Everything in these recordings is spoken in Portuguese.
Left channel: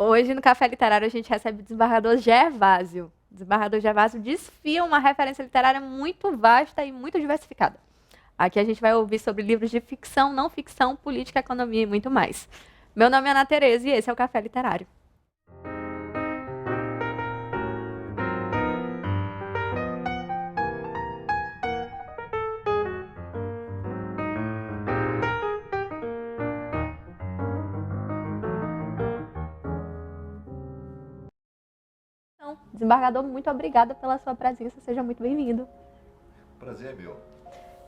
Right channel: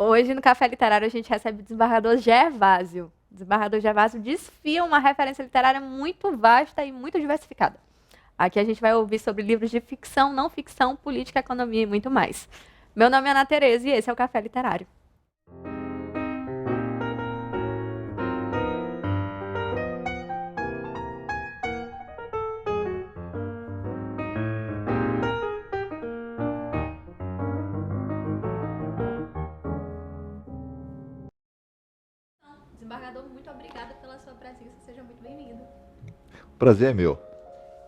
Hoje, no Café Literário, a gente recebe o desembargador Gervásio. O desembargador Gervásio desfia uma referência literária muito vasta e muito diversificada. Aqui a gente vai ouvir sobre livros de ficção, não ficção, política, economia e muito mais. Meu nome é Ana Tereza e esse é o Café Literário. Então, desembargador, muito obrigada pela sua presença, seja muito bem-vindo. Prazer é meu.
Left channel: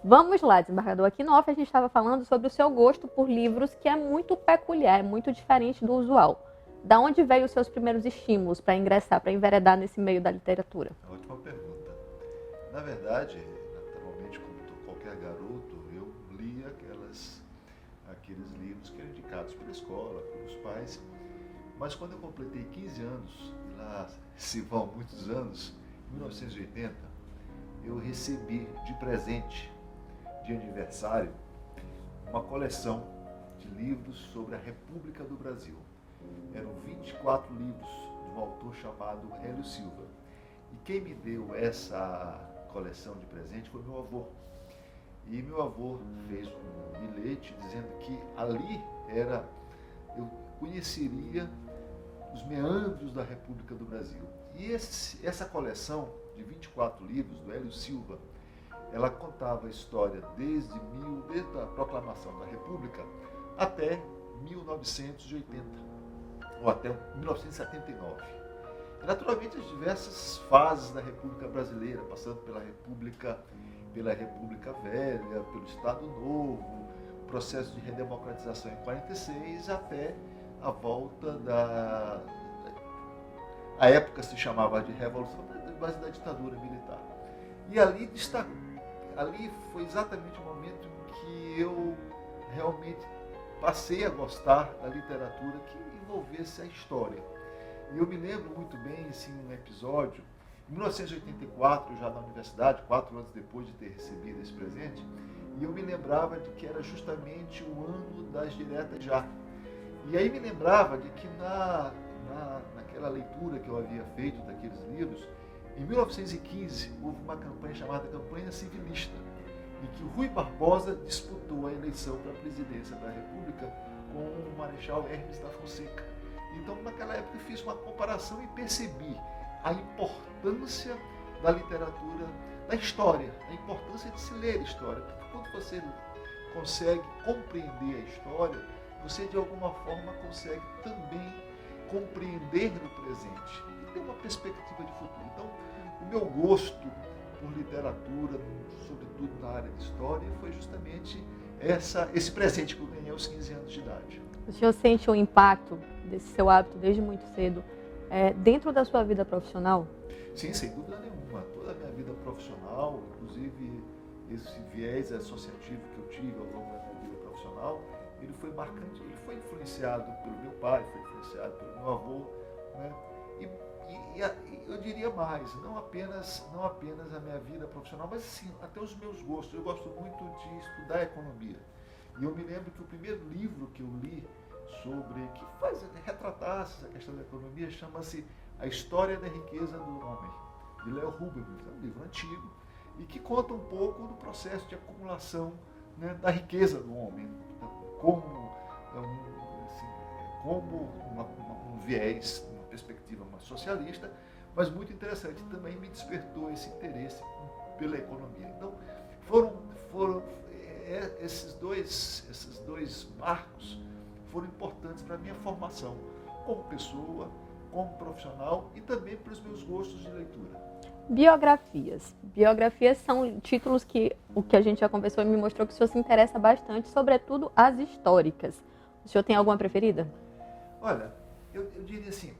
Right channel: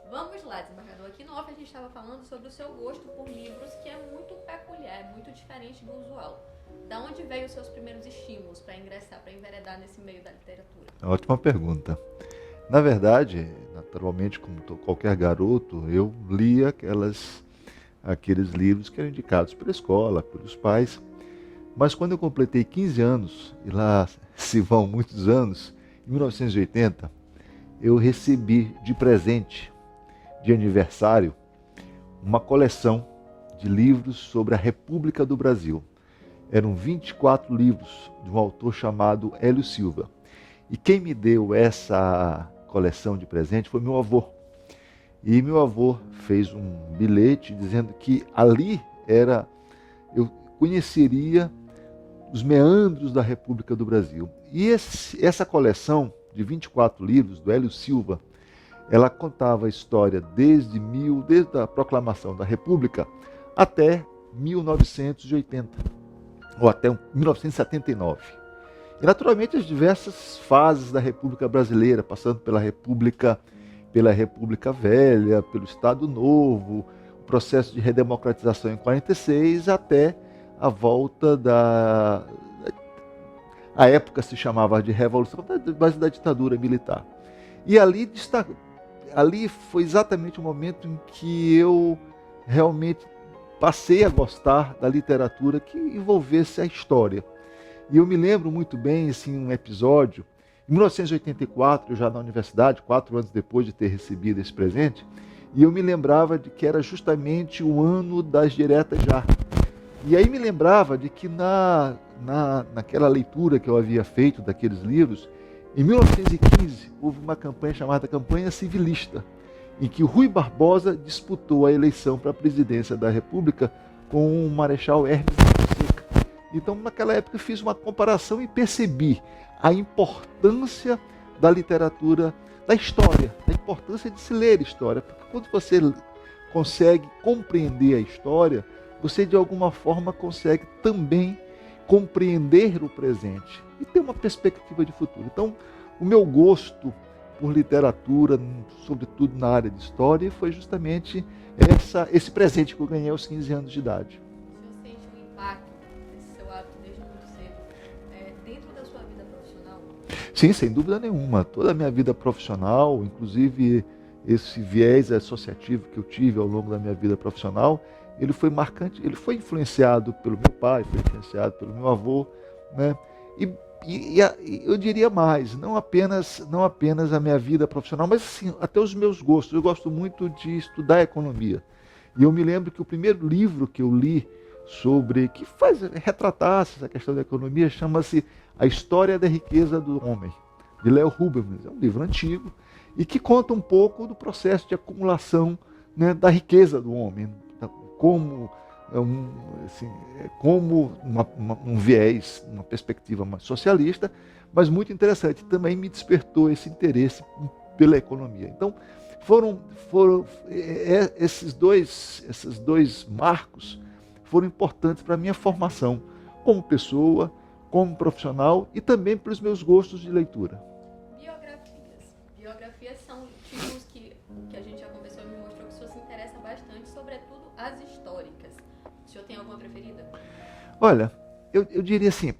Vamos lá, desembargador. Aqui no off a gente estava falando sobre o seu gosto por livros, que é muito peculiar, é muito diferente do usual. Da onde veio os seus primeiros estímulos para ingressar, para enveredar nesse meio da literatura? Ótima pergunta. Na verdade, naturalmente, como qualquer garoto, eu lia aqueles livros que eram indicados pela escola, pelos pais. Mas quando eu completei 15 anos, e lá se vão muitos anos, em 1980, eu recebi de presente, de aniversário, uma coleção de livros sobre a República do Brasil. Eram 24 livros de um autor chamado Hélio Silva. E quem me deu essa coleção de presente foi meu avô. E meu avô fez um bilhete dizendo que ali eu conheceria os meandros da República do Brasil. E essa coleção de 24 livros do Hélio Silva, ela contava a história desde a proclamação da República até 1980, ou até 1979. E naturalmente as diversas fases da República Brasileira, passando pela República Velha, pelo Estado Novo, processo de redemocratização em 46, até a volta a época se chamava de Revolução, mas da ditadura militar. E ali foi exatamente o momento em que eu realmente passei a gostar da literatura que envolvesse a história. E eu me lembro muito bem, assim, um episódio, em 1984, já na universidade, 4 anos depois de ter recebido esse presente, e eu me lembrava de que era justamente o ano das diretas já. E aí me lembrava de que naquela leitura que eu havia feito daqueles livros, em 1915, houve uma campanha chamada Campanha Civilista, em que Rui Barbosa disputou a eleição para a presidência da República com o Marechal Hermes da Fonseca. Então, naquela época, eu fiz uma comparação e percebi a importância da literatura, da história, a importância de se ler história. Porque quando você consegue compreender a história, você de alguma forma consegue também compreender o presente e ter uma perspectiva de futuro. Então, o meu gosto por literatura, sobretudo na área de história, foi justamente esse presente que eu ganhei aos 15 anos de idade. O senhor sente o impacto desse seu hábito desde muito cedo dentro da sua vida profissional? Sim, sem dúvida nenhuma. Toda a minha vida profissional, inclusive esse viés associativo que eu tive ao longo da minha vida profissional, ele foi marcante, ele foi influenciado pelo meu pai, foi influenciado pelo meu avô, né? E eu diria mais, não apenas a minha vida profissional, mas sim, até os meus gostos. Eu gosto muito de estudar economia. E eu me lembro que o primeiro livro que eu li que retratasse essa questão da economia, chama-se A História da Riqueza do Homem, de Léo Rubens. É um livro antigo e que conta um pouco do processo de acumulação, né, da riqueza do homem, como um viés, uma perspectiva mais socialista, mas muito interessante. Também me despertou esse interesse pela economia. Então, foram esses dois marcos foram importantes para a minha formação como pessoa, como profissional e também para os meus gostos de leitura. Biografias. Biografias são títulos que o que a gente já conversou me mostrou que o senhor se interessa bastante, sobretudo as históricas. O senhor tem alguma preferida? Olha, eu diria assim,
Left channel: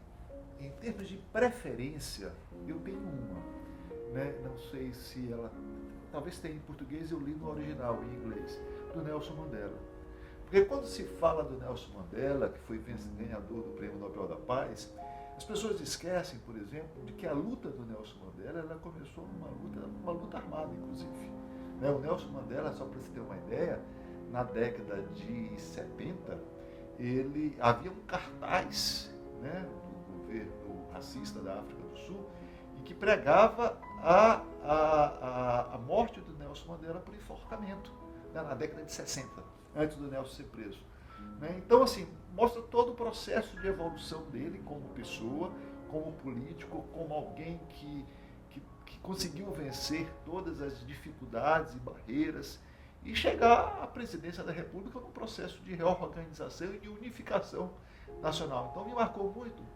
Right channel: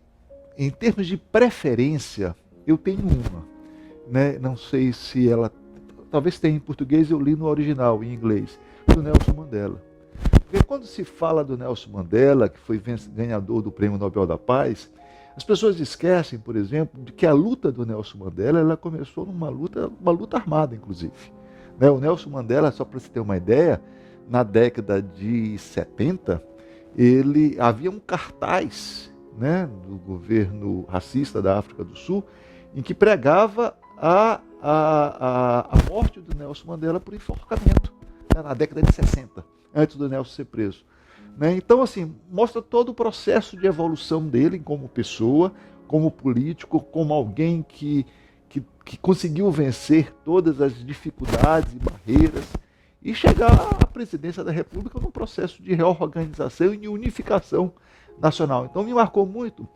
em termos de preferência, eu tenho uma, né? Não sei se ela, talvez tenha em português, eu li no original, em inglês, do Nelson Mandela. Porque quando se fala do Nelson Mandela, que foi ganhador do Prêmio Nobel da Paz, as pessoas esquecem, por exemplo, de que a luta do Nelson Mandela ela começou numa luta armada, inclusive. Né? O Nelson Mandela, só para você ter uma ideia, na década de 70, havia um cartaz, né, do governo racista da África do Sul, em que pregava a morte do Nelson Mandela por enforcamento, né, na década de 60, antes do Nelson ser preso. Né? Então, assim, mostra todo o processo de evolução dele como pessoa, como político, como alguém que conseguiu vencer todas as dificuldades e barreiras e chegar à presidência da República num processo de reorganização e unificação nacional. Então, me marcou muito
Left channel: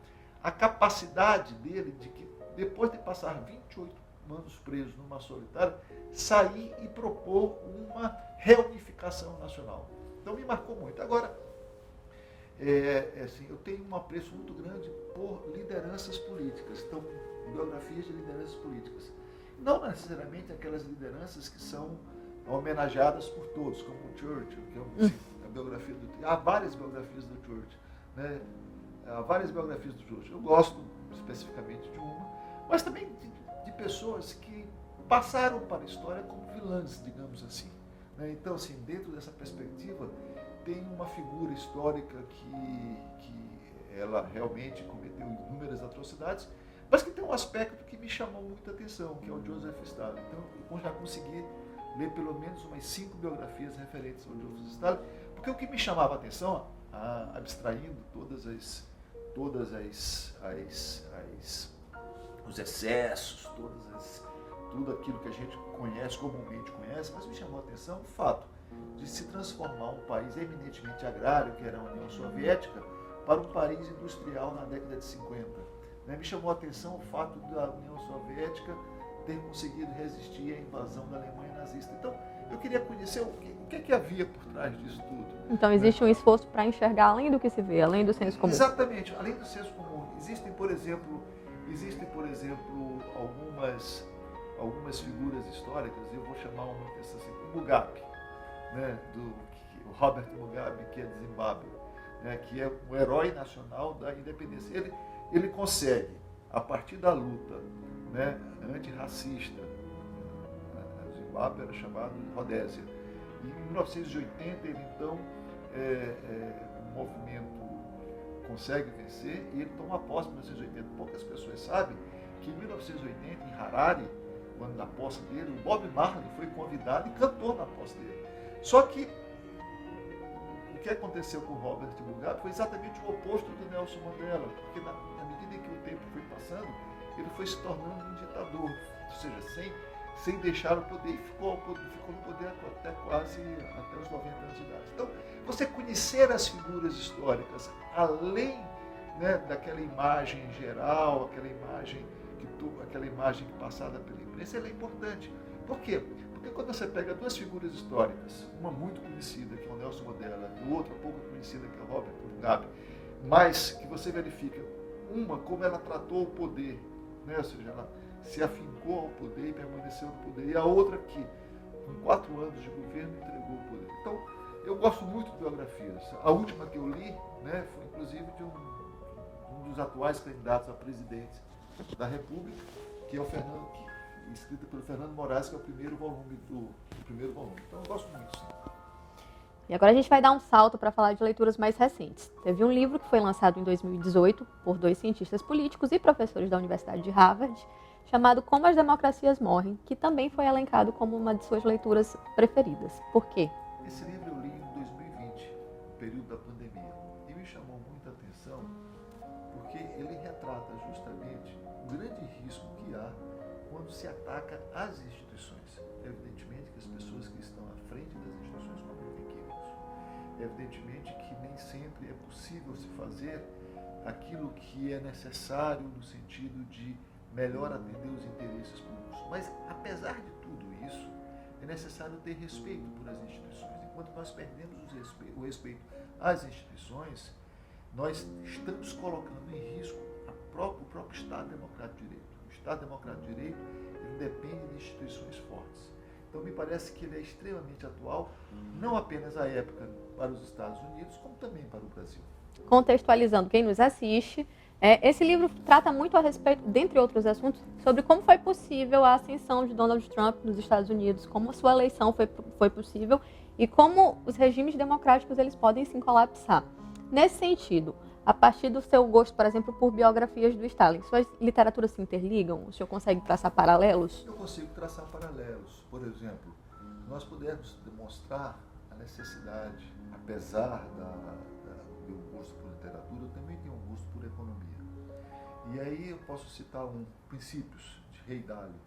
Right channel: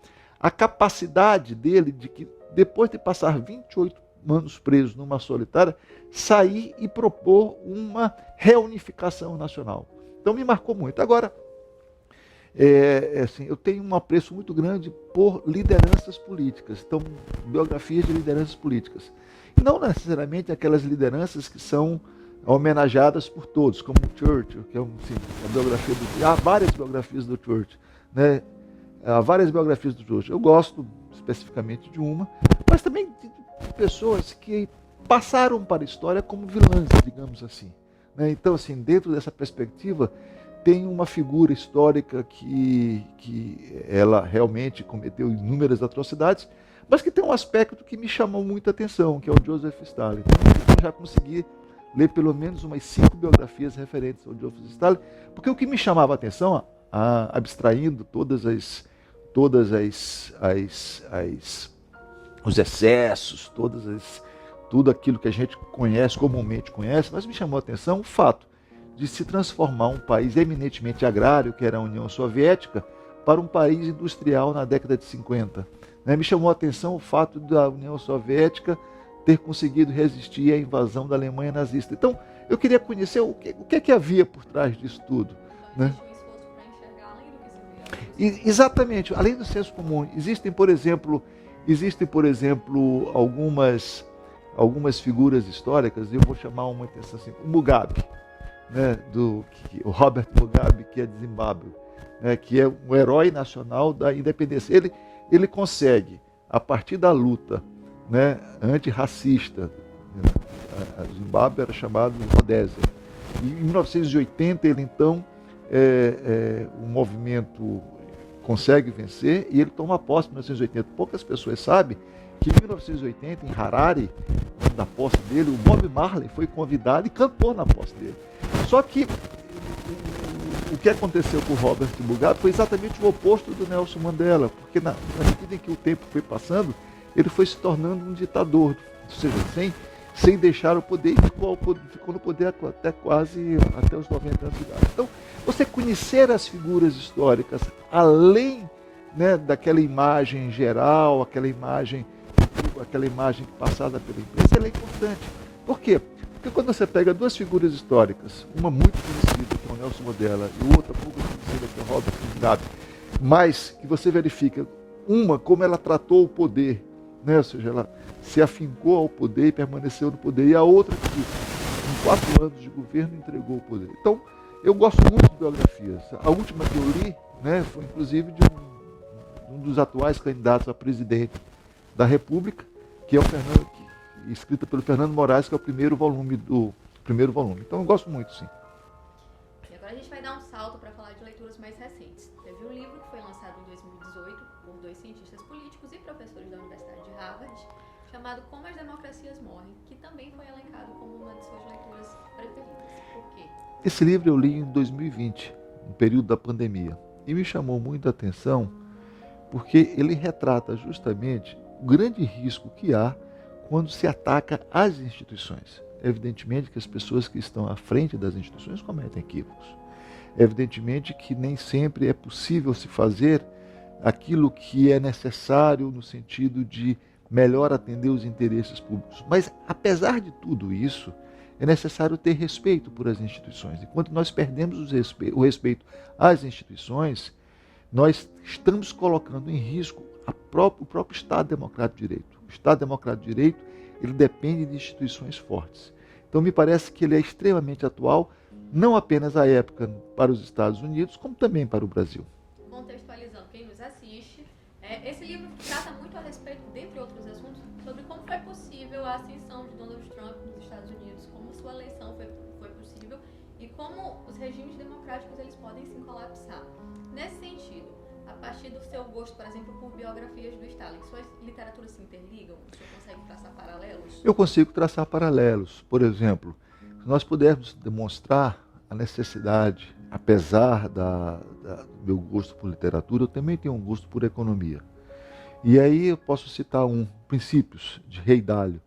a capacidade dele de que, depois de passar 28 anos preso numa solitária, sair e propor uma reunificação nacional. Então, me marcou muito. Agora, assim, eu tenho um apreço muito grande por lideranças políticas, então, biografias de lideranças políticas. Não necessariamente aquelas lideranças que são homenageadas por todos, como o Churchill, que é a biografia há várias biografias do Churchill, né? Há várias biografias do Churchill. Eu gosto especificamente de uma, mas também de pessoas que passaram para a história como vilãs, digamos assim. Né? Então, assim, dentro dessa perspectiva, tem uma figura histórica que ela realmente cometeu inúmeras atrocidades, mas que tem um aspecto que me chamou muita atenção, que é o Joseph Stalin. Então, eu já consegui ler pelo menos umas 5 biografias referentes ao Joseph Stalin, porque o que me chamava a atenção, abstraindo os excessos, tudo aquilo que a gente conhece, comumente conhece, mas me chamou a atenção o fato de se transformar um país eminentemente agrário, que era a União Soviética, para um país industrial na década de 50. Me chamou a atenção o fato da União Soviética ter conseguido resistir à invasão da Alemanha nazista. Então, eu queria conhecer o que havia por trás disso tudo. Então, existe um esforço para enxergar além do que se vê, além do senso comum. Exatamente, além do senso comum. Existem, por exemplo, algumas figuras históricas, eu vou chamar uma atenção assim, o Mugabe, né, o Robert Mugabe, que é de Zimbábue, né, que é um herói nacional da independência. Ele consegue, a partir da luta, né, antirracista, a Zimbábue era chamada de Rodésia. E em 1980 ele então o movimento consegue vencer e ele toma posse em 1980. Poucas pessoas sabem que em 1980, em Harare, na posse dele, o Bob Marley foi convidado e cantou na posse dele. Só que o que aconteceu com o Robert Mugabe foi exatamente o oposto do Nelson Mandela, porque na medida em que o tempo foi passando, ele foi se tornando um ditador, ou seja, sem deixar o poder, e ficou no poder até os 90 anos de idade. Então, você conhecer as figuras históricas, além, né, daquela imagem geral, aquela imagem passada pela imprensa, ela é importante. Por quê? Porque quando você pega duas figuras históricas, uma muito conhecida, que é o Nelson Mandela, e outra pouco conhecida, que é o Robert Mugabe, mas que você verifica, uma, como ela tratou o poder, né? Ou seja, ela se afincou ao poder e permaneceu no poder, e a outra que, em 4 anos de governo, entregou o poder. Então, eu gosto muito de biografias. A última que eu li, né, foi inclusive de um dos atuais candidatos a presidente da República, que é escrita pelo Fernando Moraes, que é o primeiro volume. Então, eu gosto muito, sim. E agora a gente vai dar um salto para falar de leituras mais recentes. Teve um livro que foi lançado em 2018 por 2 cientistas políticos e professores da Universidade de Harvard, chamado Como as Democracias Morrem, que também foi elencado como uma de suas leituras preferidas. Por quê? Esse livro eu li em 2020, no período da pandemia, e me chamou muita atenção porque ele retrata justamente o grande risco que há quando se ataca as instituições. Evidentemente que as pessoas que estão à frente das instituições cometem equívocos. Evidentemente que nem sempre é possível se fazer aquilo que é necessário no sentido de melhor atender os interesses públicos. Mas, apesar de tudo isso, é necessário ter respeito por as instituições. Enquanto nós perdemos o respeito às instituições, nós estamos colocando em risco o próprio Estado Democrático de Direito. O Estado Democrático de Direito, ele depende de instituições fortes. Então, me parece que ele é extremamente atual, não apenas à época para os Estados Unidos, como também para o Brasil. Contextualizando quem nos assiste, esse livro trata muito a respeito, dentre outros assuntos, sobre como foi possível a ascensão de Donald Trump nos Estados Unidos, como a sua eleição foi possível e como os regimes democráticos eles podem se colapsar. Nesse sentido, a partir do seu gosto, por exemplo, por biografias do Stalin, suas literaturas se interligam? O senhor consegue traçar paralelos? Eu consigo traçar paralelos. Por exemplo, se nós pudermos demonstrar a necessidade, apesar do meu gosto por literatura, eu também tenho um gosto por economia. E aí eu posso citar Princípios, de Rei Dalio,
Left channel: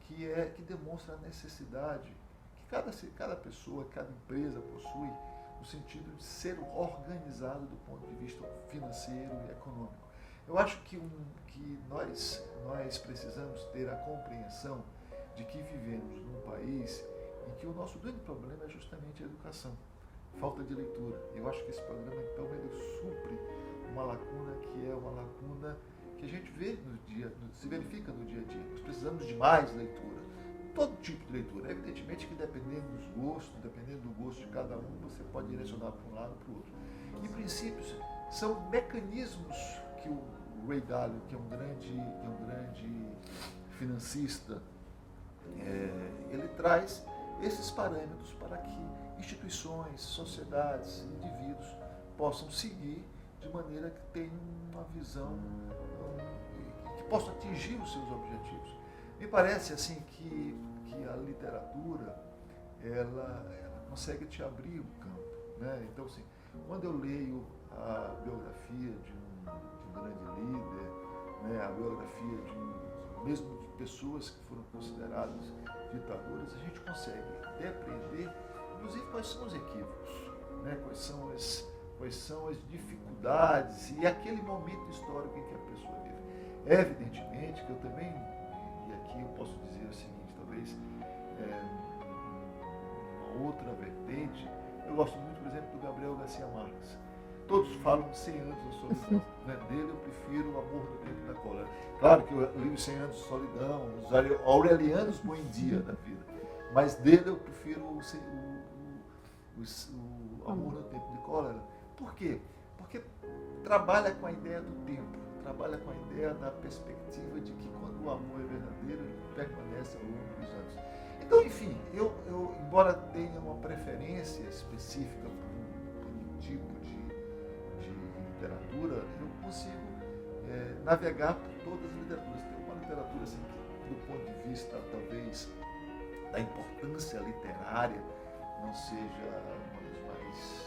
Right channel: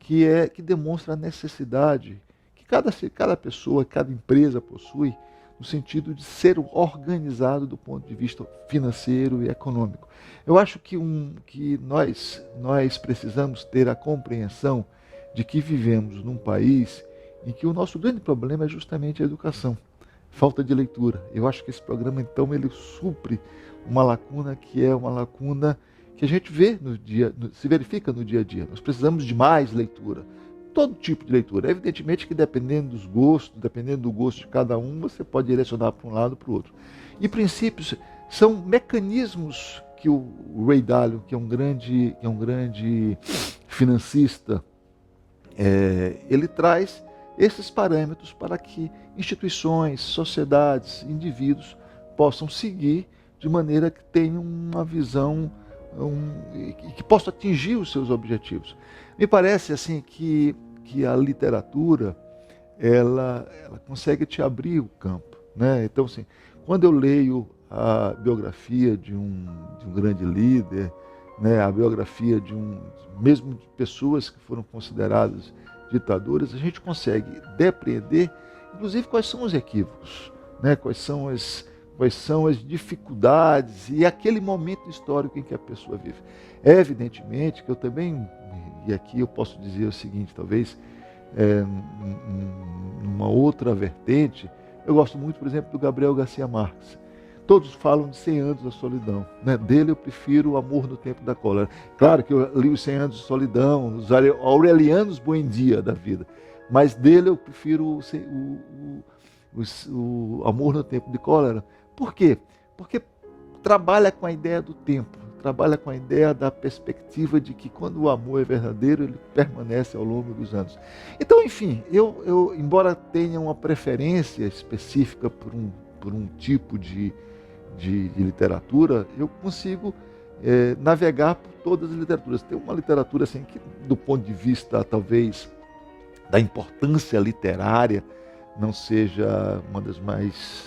que demonstra a necessidade que cada pessoa, cada empresa possui, no sentido de ser organizado do ponto de vista financeiro e econômico. Eu acho que nós precisamos ter a compreensão de que vivemos num país em que o nosso grande problema é justamente a educação, falta de leitura. Eu acho que esse programa, então, ele supre uma lacuna que é uma lacuna que a gente vê se verifica no dia a dia. Nós precisamos de mais leitura. Todo tipo de leitura. Evidentemente que dependendo dos gostos, dependendo do gosto de cada um, você pode direcionar para um lado ou para o outro. E princípios são mecanismos que o Ray Dalio, que é um grande financista, ele traz esses parâmetros para que instituições, sociedades, indivíduos possam seguir de maneira que tenham uma visão que possam atingir os seus objetivos. Me parece assim que a literatura ela consegue te abrir o campo, né? Então, assim, quando eu leio a biografia de um grande líder, né, a biografia mesmo de pessoas que foram consideradas ditadoras, a gente consegue depreender, inclusive, quais são os equívocos, né? Quais são as dificuldades e aquele momento histórico em que a pessoa vive. É evidentemente que eu também, e aqui eu posso dizer o seguinte, talvez, numa outra vertente, eu gosto muito, por exemplo, do Gabriel Garcia Marques. Todos falam de 100 anos da solidão, né? Dele eu prefiro O Amor no Tempo da Cólera. Claro que eu li os 100 anos de solidão, os aurelianos Buendia da vida, mas dele eu prefiro o Amor no Tempo de Cólera. Por quê? Porque trabalha com a ideia do tempo, trabalha com a ideia da perspectiva de que quando o amor é verdadeiro, ele permanece ao longo dos anos. Então, enfim, eu embora tenha uma preferência específica por um tipo de literatura, eu consigo navegar por todas as literaturas. Tem uma literatura assim, que, do ponto de vista, talvez, da importância literária, não seja uma das mais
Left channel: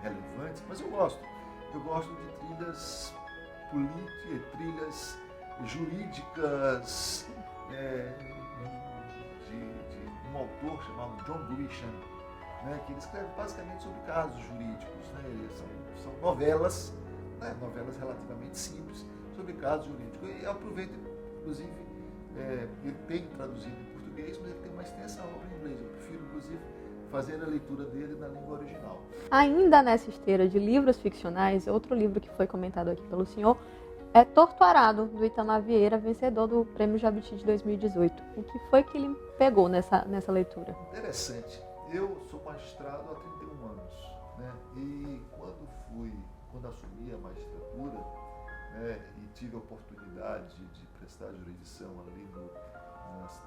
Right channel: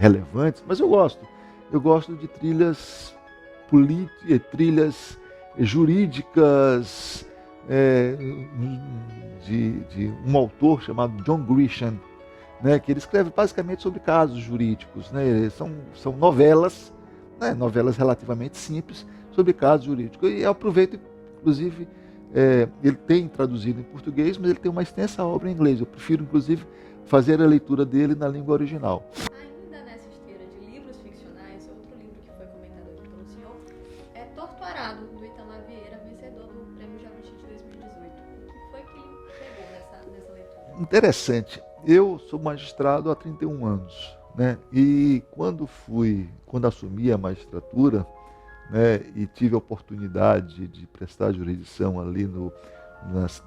relevantes, mas eu gosto. Eu gosto de trilhas trilhas jurídicas de um autor chamado John Grisham, né, que ele escreve basicamente sobre casos jurídicos, né, são novelas, né, novelas relativamente simples sobre casos jurídicos. E eu aproveito, inclusive, ele tem traduzido em português, mas ele tem uma extensa obra em inglês. Eu prefiro, inclusive, fazer a leitura dele na língua original. Ainda nessa esteira de livros ficcionais, outro livro que foi comentado aqui pelo senhor é Torturado, do Itamar Vieira, vencedor do Prêmio Jabuti de 2018. O que foi que ele pegou nessa leitura? Interessante. Eu sou magistrado há 31 anos, né? E quando assumi a magistratura, né, e tive a oportunidade de prestar jurisdição ali no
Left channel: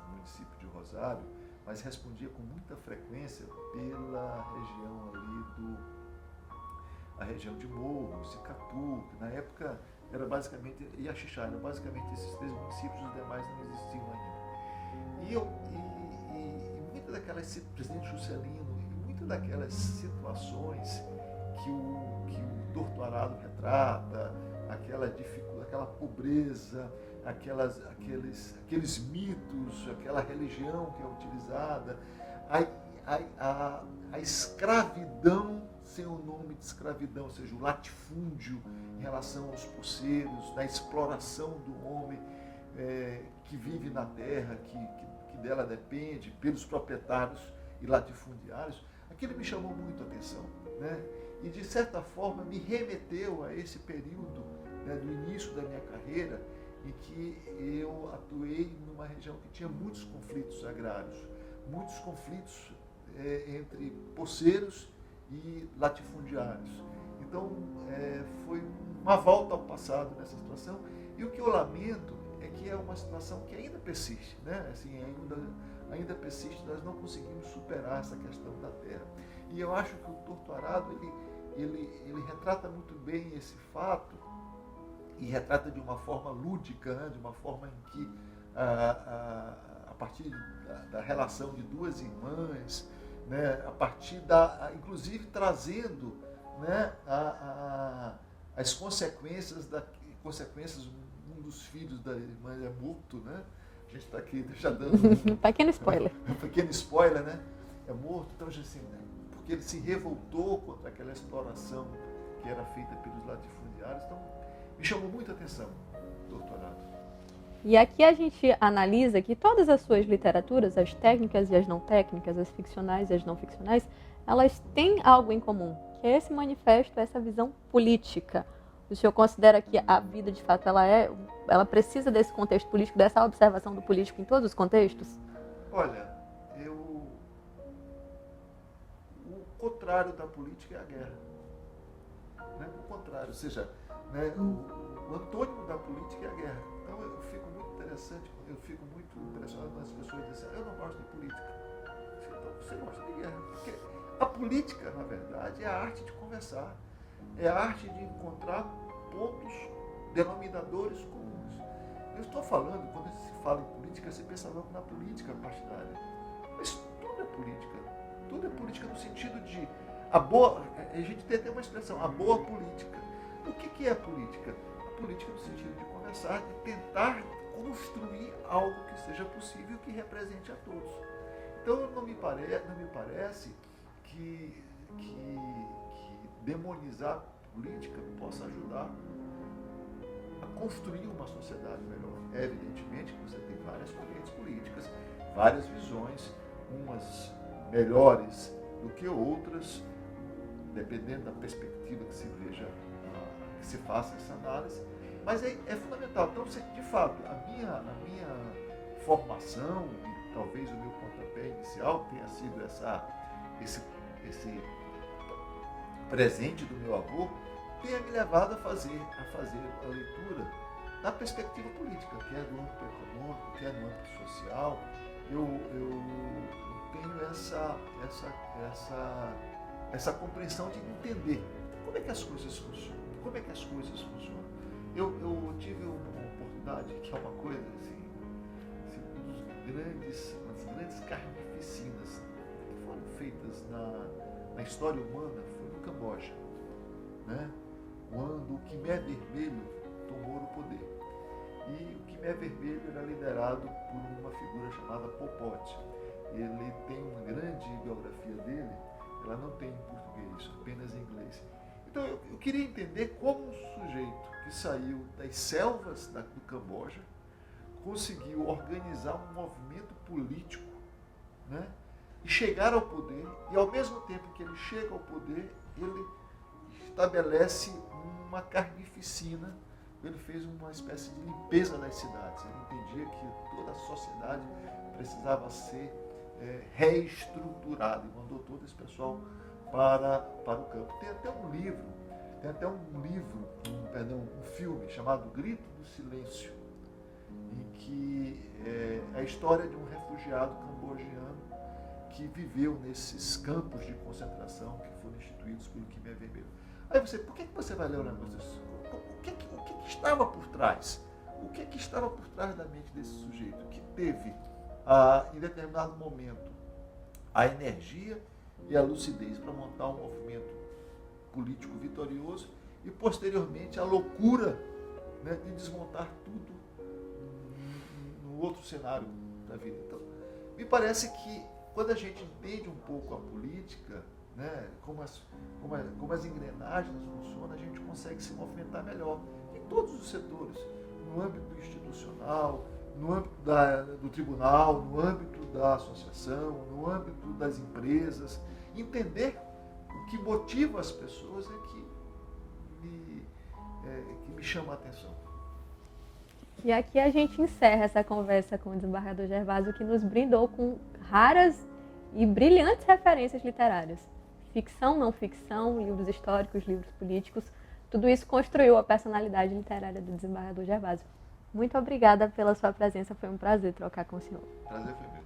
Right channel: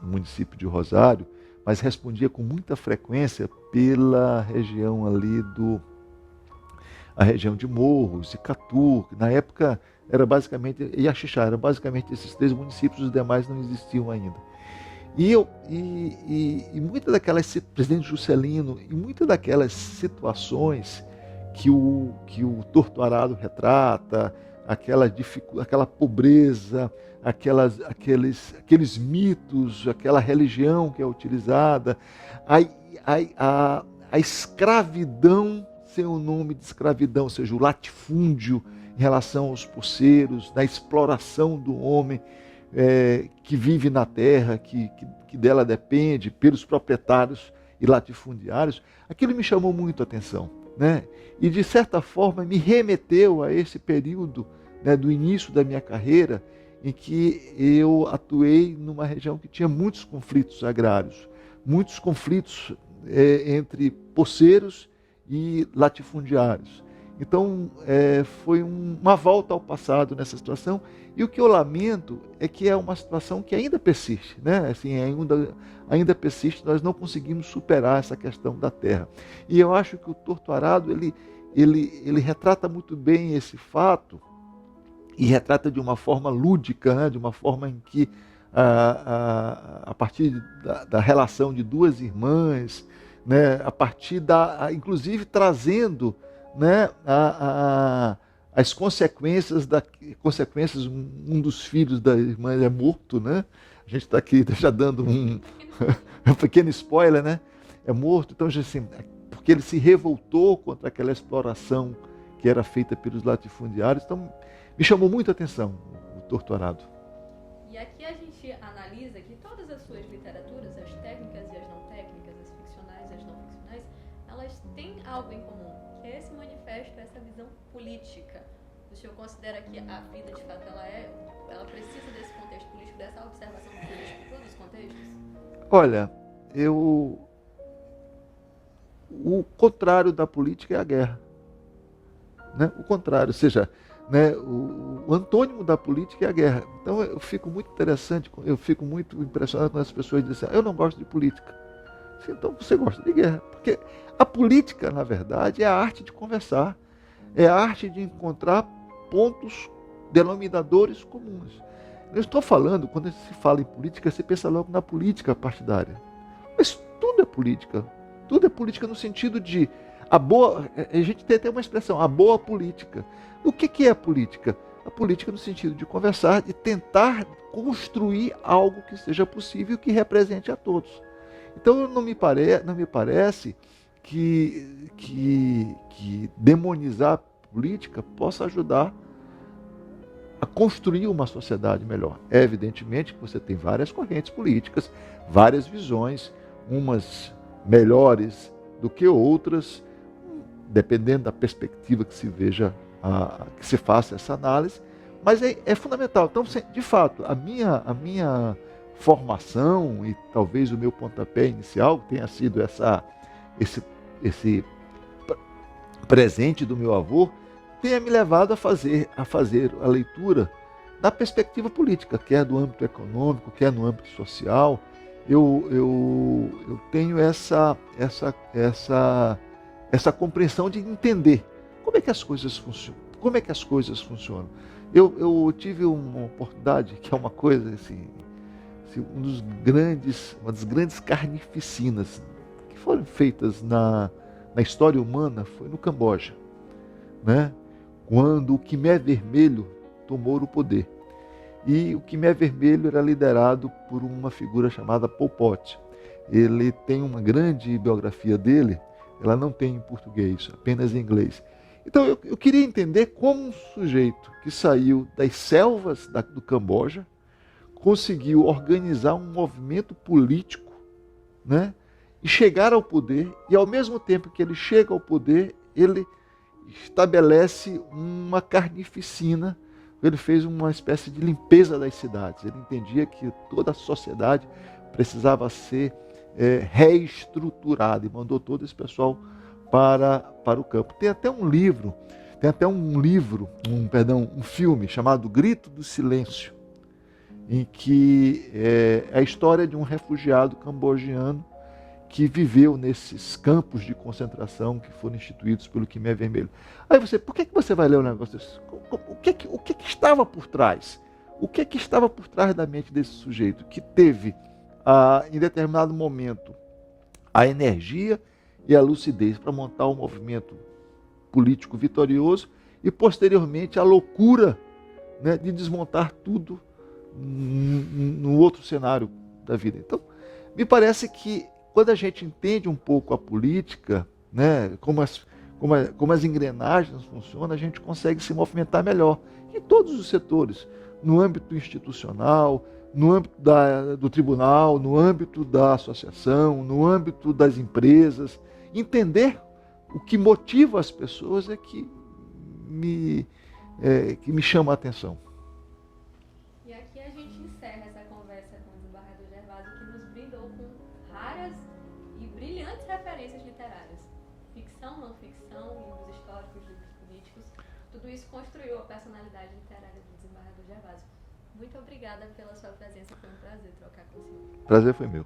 município de Rosário, mas respondia com muita frequência pela região ali a região de Morros, Icatu, que na época era basicamente, e Axixá, era basicamente esses 3 municípios, os demais não existiam ainda. E muitas daquelas, presidente Juscelino, e muitas daquelas situações que o Torturado retrata, aquela pobreza, aqueles mitos, aquela religião que é utilizada, a escravidão sem o nome de escravidão, ou seja, o latifúndio em relação aos poceiros, da exploração do homem que vive na terra, que dela depende, pelos proprietários e latifundiários, aquilo me chamou muito a atenção, né? E de certa forma me remeteu a esse período, né, do início da minha carreira, em que eu atuei numa região que tinha muitos conflitos agrários, muitos conflitos entre poceiros e latifundiários. Então, foi uma volta ao passado nessa situação, e o que eu lamento é que é uma situação que ainda persiste, né? Assim, ainda persiste, nós não conseguimos superar essa questão da terra. E eu acho que o Torturado, ele retrata muito bem esse fato e retrata de uma forma lúdica, né? De uma forma em que, a partir da relação de duas irmãs, né? A partir inclusive trazendo, né? As consequências, um dos filhos da irmã é morto, né? A gente está aqui já dando Pequeno spoiler. um pequeno spoiler, né? É morto, então assim, porque ele se revoltou contra aquela exploração que era feita pelos latifundiários. Então, me chamou muita atenção o Torturado. E aqui a gente analisa que todas as suas literaturas, as técnicas e as não técnicas, as ficcionais e as não ficcionais, elas têm algo em comum, que é esse manifesto, essa visão política. O senhor considera que a vida, de fato, ela precisa desse contexto político, dessa observação do político em todos os contextos? Olha, o contrário da política é a guerra. Né? O contrário, ou seja, né, o antônimo da política é a guerra. Então eu fico muito impressionado quando as pessoas dizem assim, eu não gosto de política. Então você gosta de guerra. Porque a política, na verdade, é a arte de conversar, é a arte de encontrar pontos denominadores comuns. Eu estou falando, quando se fala em política, você pensa logo na política partidária. Mas tudo é política no sentido de a gente tem até uma expressão, a boa política. O que é a política? A política no sentido de conversar, de tentar construir algo que seja possível, que represente a todos. Então não me parece que demonizar a política possa ajudar a construir uma sociedade melhor. É evidentemente que você tem várias correntes políticas, várias visões, umas melhores do que outras, dependendo da perspectiva que se veja, que se faça essa análise, mas é fundamental. Então, de fato, a minha formação e talvez o meu pontapé inicial tenha sido esse presente do meu avô, tenha me levado a fazer a leitura na perspectiva política, quer do âmbito econômico, quer no âmbito social. Eu tenho essa compreensão de entender como é que as coisas funcionam. Eu tive uma oportunidade, que é uma coisa assim, uma das grandes carnificinas que foram feitas na história humana foi no Camboja, né? Quando o Khmer Vermelho tomou o poder. E o Khmer Vermelho era liderado por uma figura chamada Pol Pot. Ele tem uma grande biografia dele, ela não tem em português, apenas em inglês. Então eu queria entender como um sujeito que saiu das selvas do Camboja conseguiu organizar um movimento político, né? E chegar ao poder, e ao mesmo tempo que ele chega ao poder, ele estabelece uma carnificina. Ele fez uma espécie de limpeza das cidades. Ele entendia que toda a sociedade precisava ser reestruturada e mandou todo esse pessoal para o campo. Tem até um filme chamado Grito do Silêncio, em que é a história de um refugiado cambojano que viveu nesses campos de concentração que foram instituídos pelo Khmer Vermelho. Aí por que você vai ler um negócio desse? O que estava por trás? O que estava por trás da mente desse sujeito que teve, em determinado momento, a energia e a lucidez para montar um movimento político vitorioso e, posteriormente, a loucura, né, de desmontar tudo no outro cenário da vida? Então, me parece que quando a gente entende um pouco a política, né, como as engrenagens funcionam, a gente consegue se movimentar melhor em todos os setores, no âmbito institucional, no âmbito do tribunal, no âmbito da associação, no âmbito das empresas. Entender o que motiva as pessoas é que me chama a atenção. E aqui a gente encerra essa conversa com o desembargador Gervásio, que nos brindou com raras e brilhantes referências literárias. Ficção, não ficção, livros históricos, livros políticos, tudo isso construiu a personalidade literária do desembargador Gervásio. Muito obrigada pela sua presença, foi um prazer trocar com o senhor. Prazer foi meu.